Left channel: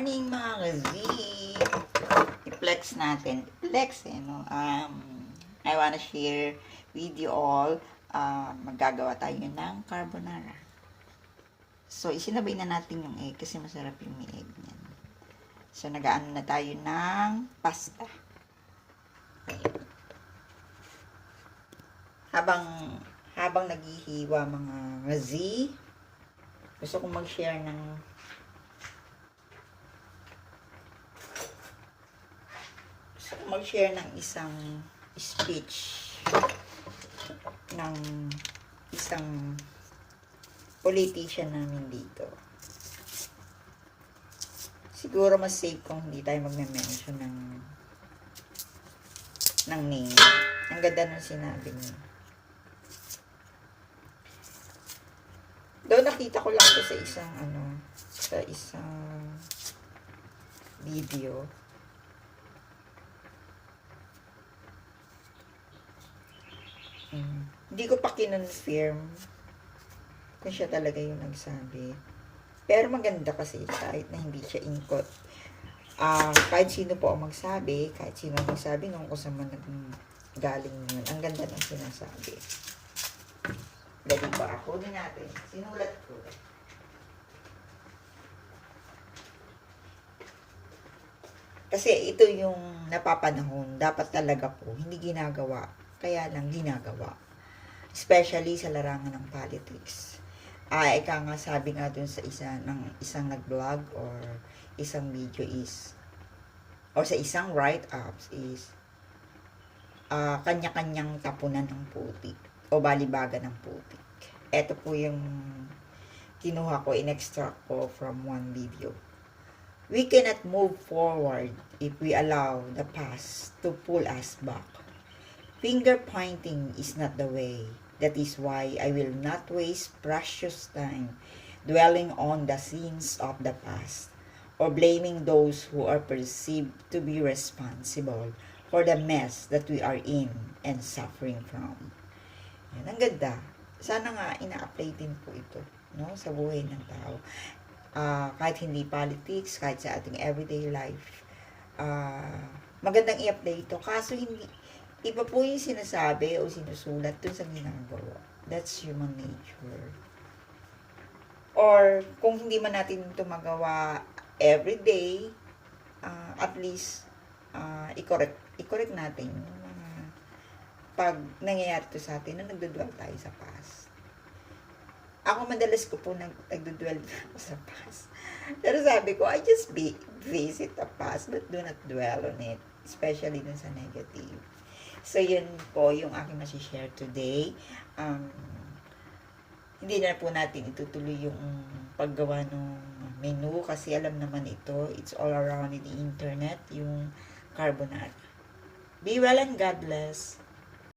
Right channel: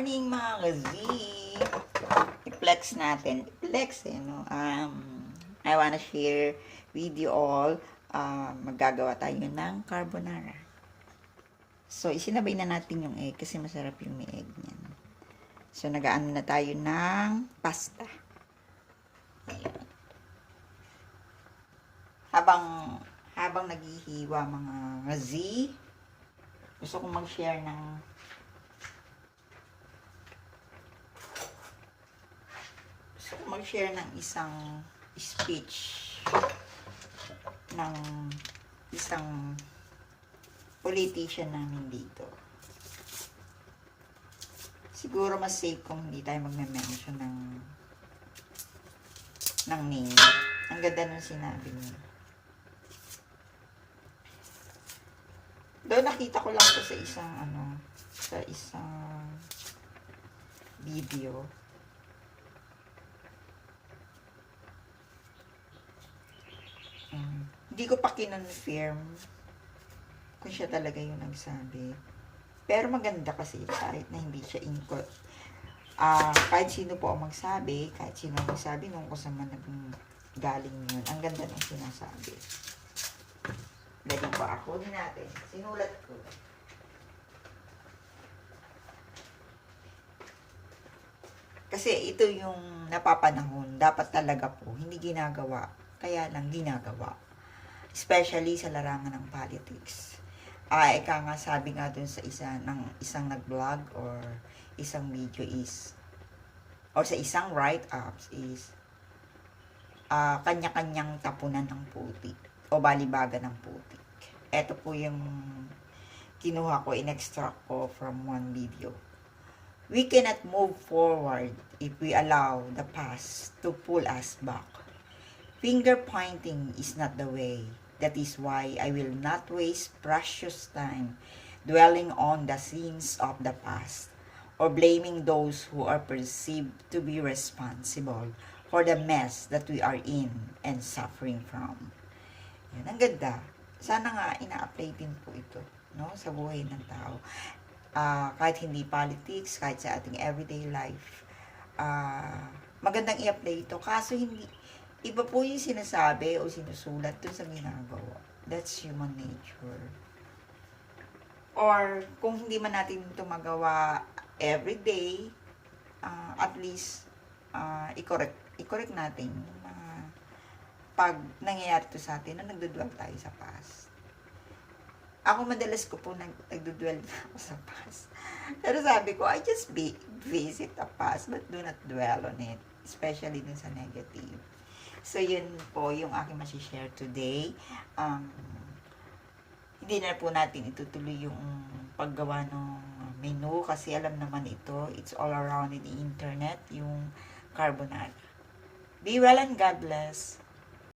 morning mga ka-Z! I-flex natin. I-flex no? I wanna share with you all. Maggagawa tayo ng carbonara. So, isinabay na natin yung egg kasi masarap yung may egg niyan. So, nag-aano na tayo ng pasta. Habang naghihiwa mga Z, gusto kong mag-share ng isang speech ng isang politician namin dito. Siguro mas safe kung hindi tayo magme-mention ng name. Ang ganda ng sinabi niya. Doon nakita ko lang to sa isang video. Hindi ko pa kinonfirm kung siya talaga yung nagsabi. Pero maganda kasi kahit na hindi siya input. Kahit sino po ang magsabi, kahit sino ang magsabi nung kung saan man galing yun. Ang ganda ng sinasabi. Galing ba ako? Din natin. Sinulat ko. Kasi ito yung napapanahon. Dapat talaga po. Hindi ginagawa. Kaya lang ginagawa. Especially sa larangan ng politics. Ika nga sabi nga dun sa isang nag-vlog or isang video is, or sa isang write-ups is, kanya-kanyang tapunan ng putik o balibaga ng putik. Ito po yung kinuha ko, in-extract ko from one video. We cannot move forward if we allow the past to pull us back. Finger pointing is not the way. That is why I will not waste precious time dwelling on the sins of the past or blaming those who are perceived to be responsible for the mess that we are in and suffering from. Yan, ang ganda. Sana nga ina-apply din po ito, no, sa buhay ng tao. Kahit hindi politics, kahit sa ating everyday life, magandang i-apply ito. Kaso hindi, iba po yung sinasabi o sinusulat dun sa ginagawa. That's human nature. Or, kung hindi man natin ito magawa everyday, at least, i-correct natin yung mga pag nangyayari ito sa atin na nagdudwell tayo sa past. Ako madalas ko po nagdudwell ako sa past. Pero sabi ko, I just visit the past but do not dwell on it. Especially dun sa negative. So, yun po yung aking masishare today. Hindi na po natin itutuloy yung paggawa ng menu kasi alam naman ito, it's all around in the internet, yung carbonara. Be well and God bless.